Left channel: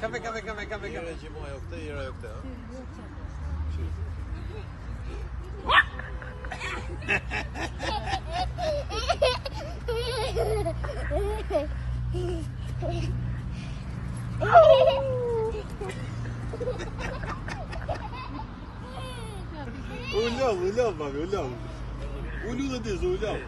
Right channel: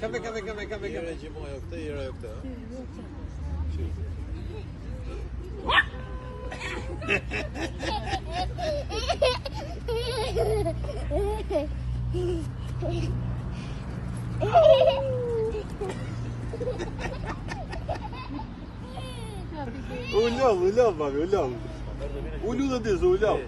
Kafe. Gjimoj o këtë, jera o këtë, Ullav, babi, ullav. Ullu dhe dizë, ullav.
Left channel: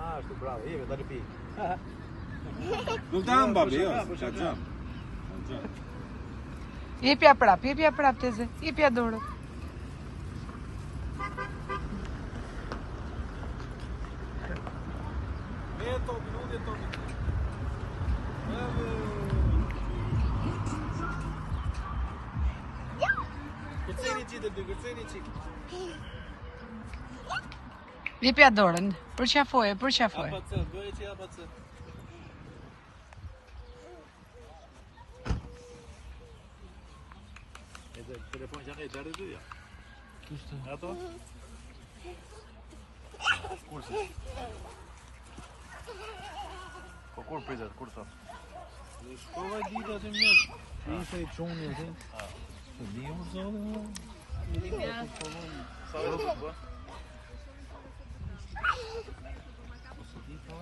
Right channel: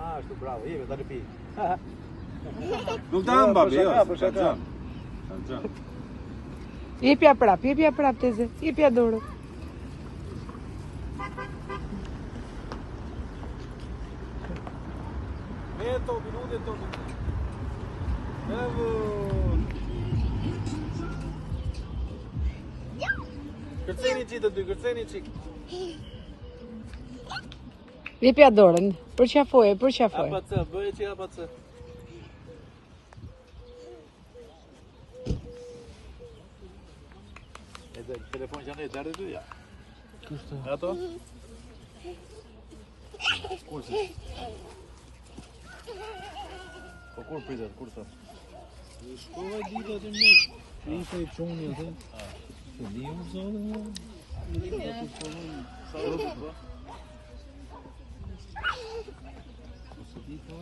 Ashtu, bravo, jemi, da në pi. Nuk të anë, babi, jo. Jepja prap, teze. Jepja dorë. Kërceni qi të dy, kërceni qi. Jepja dorën, përqafoje. Apatëse, bëjë që apatëse. E dhe telefon që anë e qarë të ja. Ato? Kursi. Po kur pritet, kur sot? Shkova dita të mjës. Ishte i qoni, e të? Të bia më zonë, më? Sa rëpë, bë? Sa di ka?